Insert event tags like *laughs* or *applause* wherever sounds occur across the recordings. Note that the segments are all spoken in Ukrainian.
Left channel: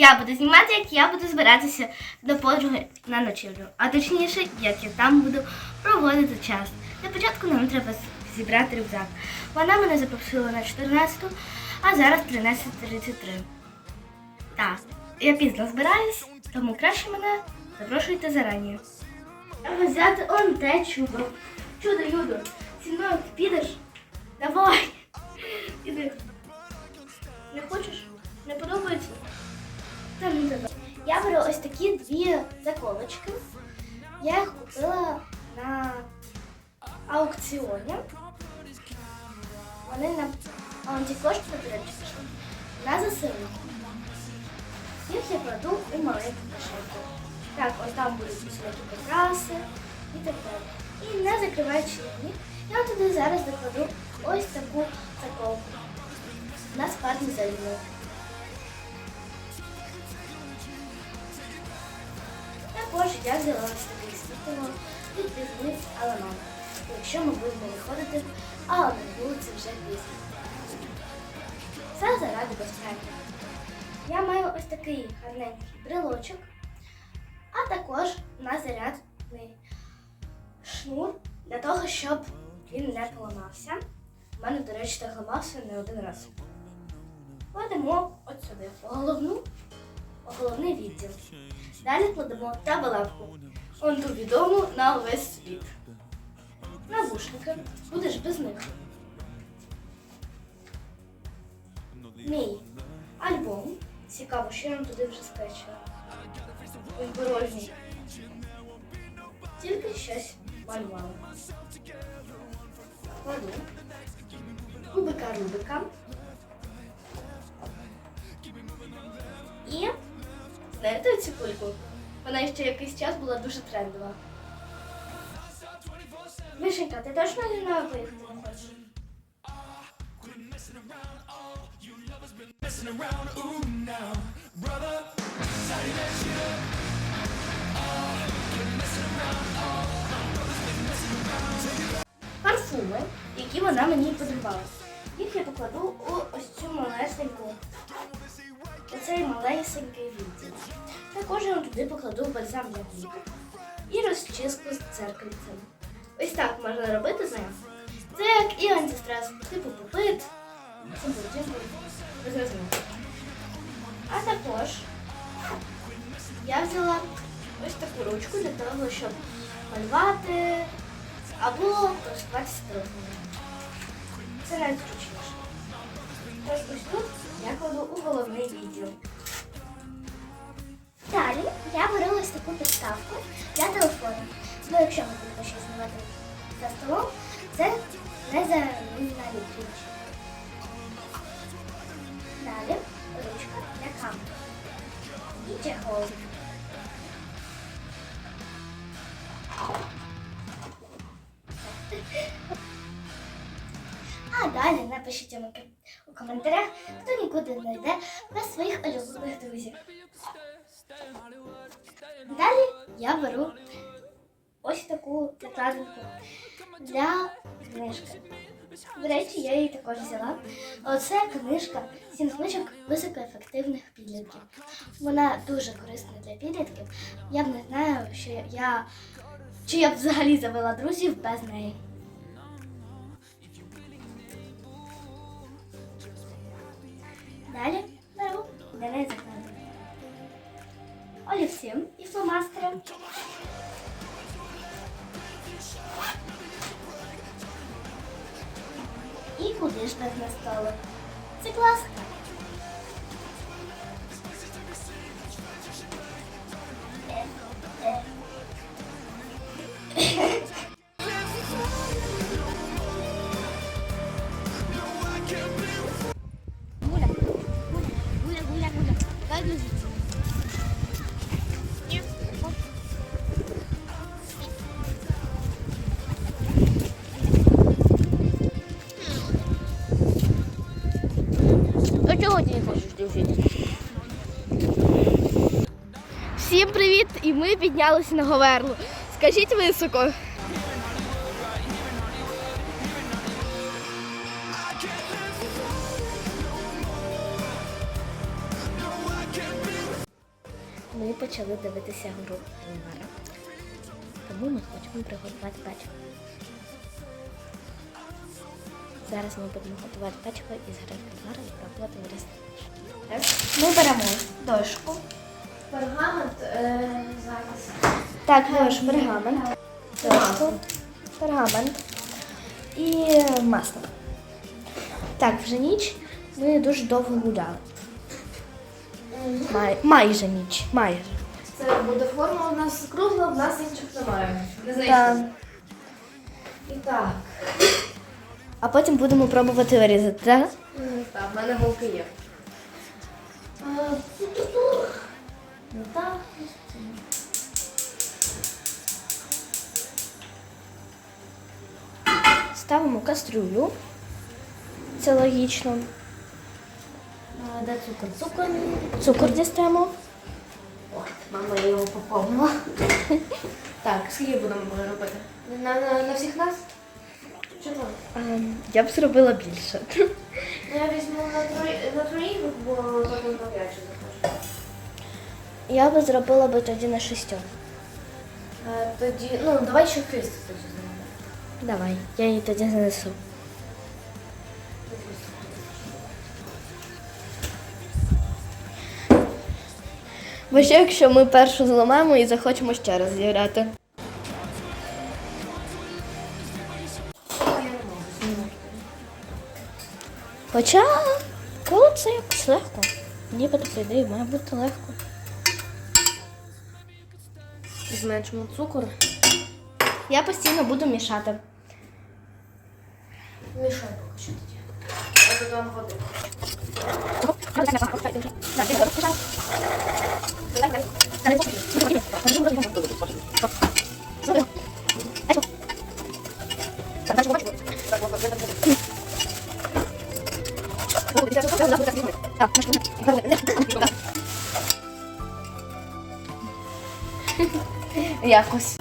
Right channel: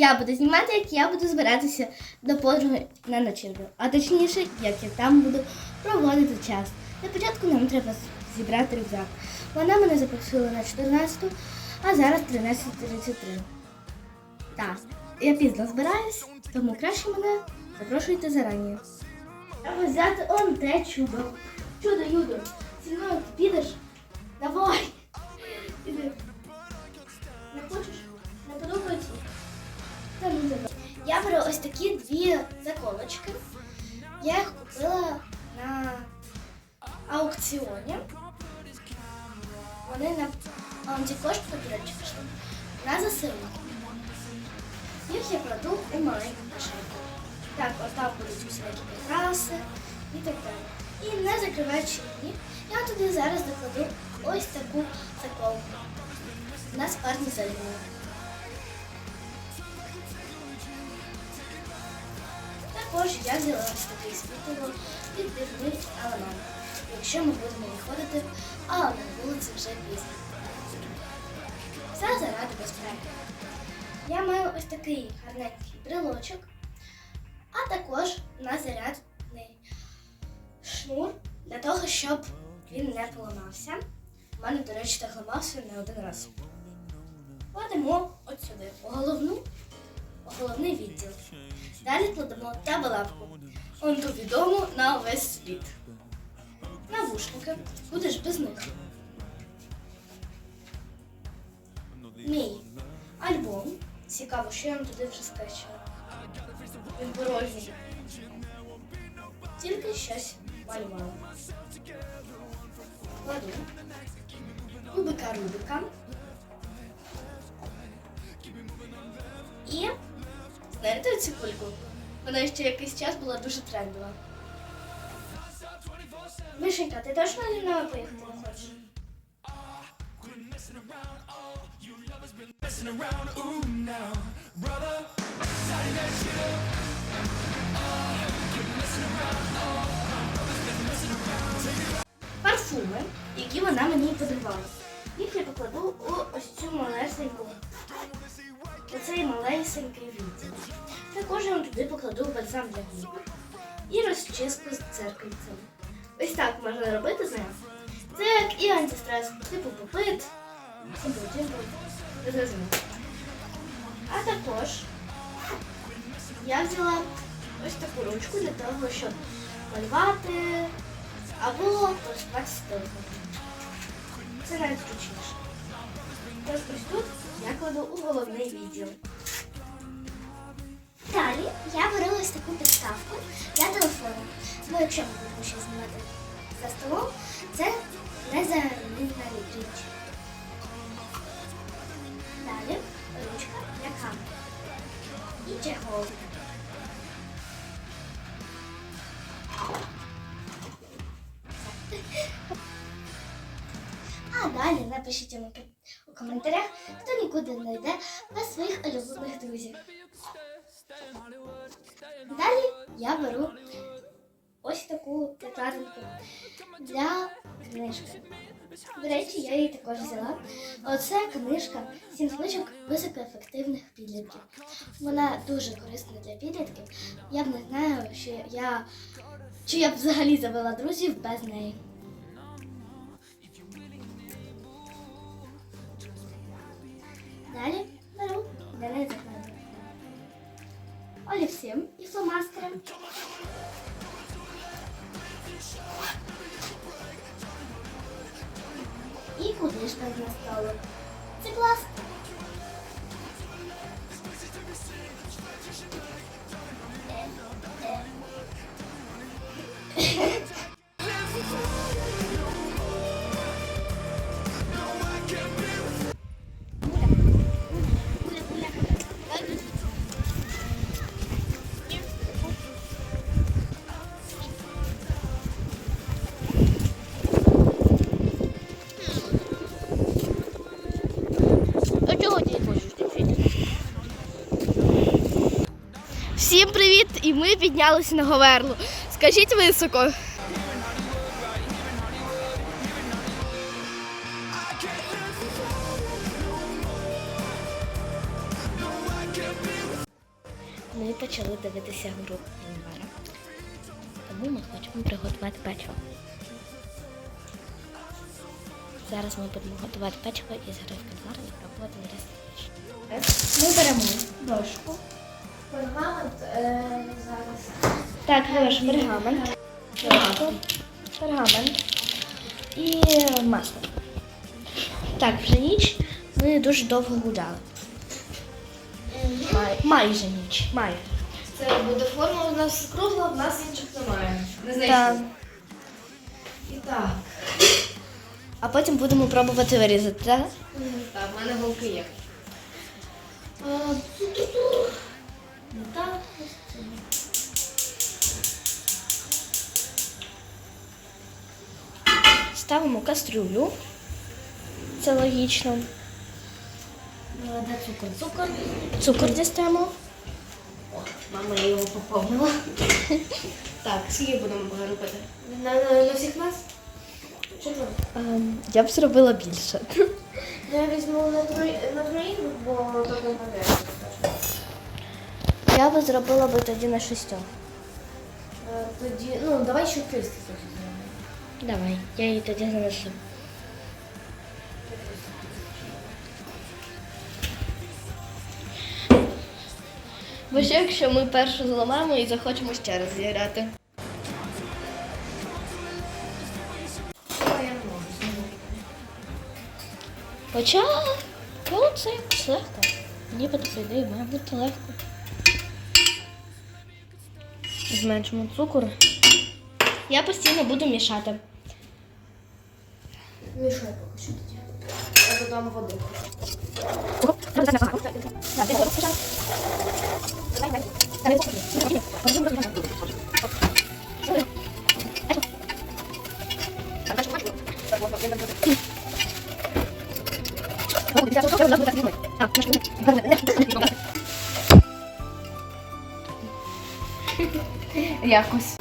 Я буду знімати, як я буду збиратися до подруги на ночівлю. А точніше, як я там буду проводити час. На початку нам треба зібрати рюкзак. Вона мене запросила на 14, а зараз 13.33. Так, я пізно збираюсь, тому краще мене запрошуйте зарані. Треба взяти он те чудо. Чудо, Юдо, зі мною ти підеш? Давай. Ось такі дві заколочки. Я їх купила на аукціоні. Вони на антикошти, до речі, на ЗСУ. Їх я кладу у маленьку кишеньку. Так, ось там будуть всякі прикраси і так далі. І не закриваючи її, я туди зараз докладу ось таку заколку. На спарті зайду. Також я взяла такий світово відбірний. Якщо ми будемо виходити, а на вулиці вже пізно. Все заради безпеки. Я маю ось такий гарненький брелочок, а також на зарядний шнур для того, щоб він не поламався. У мене, до речі, так ламався не один раз. Кладемо от сюди головну, головний відділ. Далі кладемо табелевку. Он відому на увесь світ. Навушники. Будеш без них. Мій альбом. Цікаво, що я вам туди вже. Порожній. Тільки щось малювала. Кубика Рубика. І знаєте цю кульку? Вона ще якийсь час була дуже трендова. Мишенька, ти точно не на. Парфуми, які вона мені подарувала. Їх я покладу у ось цю малесеньку. у Цей малесенький. Також я туди покладу бальзам для губ і розчіску з церкальцем. Ось так можна робити з ним. Це як і антистрес, типу попит. А також я взяла ось таку ручку для того, щоб малювати або користуватися телефоном. Це найзручніше. Йому у коментарях, хто нікуди не йде без своїх улюблених друзів. Далі я беру ось таку накладку для книжки. До речі, я її також взяла. Оце книжка «Сім книжок високоефективних підлітків. Вона дуже корисна для підлітків. Я б не знаю, що я чи я б взагалі завела друзів без неї. І куди ж так на столик? Це класно. Скажіть високо. Ваш пергамент. Пергамент. І е, масло. Так, вже ніч. Ми дуже довго гуляли. Май, майже ніч. Майже. Це буде форма у нас кругла, в нас інших немає. Не знайшли. Так. А потім будемо пробувати вирізати, так? Так, в мене голки є. Ставимо кастрюлю. Це логічно. Е, Де цукор? Цукор. Цукор дістаємо. Мама його поповнила. *laughs* Так, скільки будемо робити? На, на, на всіх нас? Що там? Я б зробила більше. Ну, я візьму на, трої, на троїх, бо то на п'ять. Я б зробила б тоді на шістьох. Е, Тоді, ну, давай ще Христос. Давай, я її тоді занесу. Бо що, якщо ми першу зламаємо і захочемо ще раз зіграти? Хоча коли це якось легко. Нібито ідеї має бути легко. Зменшимо цукор. Я постійно буду мішати. Мішай поки що тоді. Я додам води. Якось.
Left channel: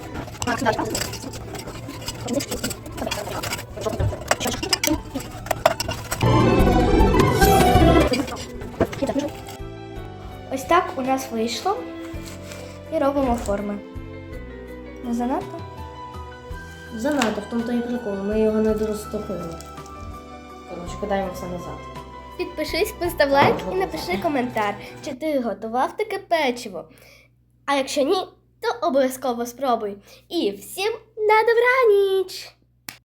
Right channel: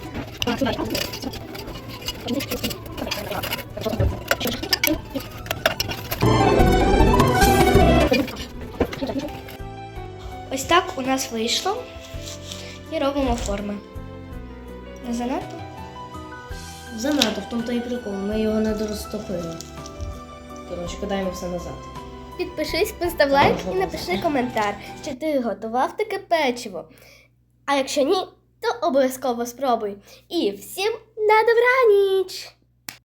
Розтопили. Коротше, кидаємо все назад. Підпишись, постав лайк і напиши коментар, чи ти готував таке печиво. А якщо ні, то обов'язково спробуй. І всім на добраніч!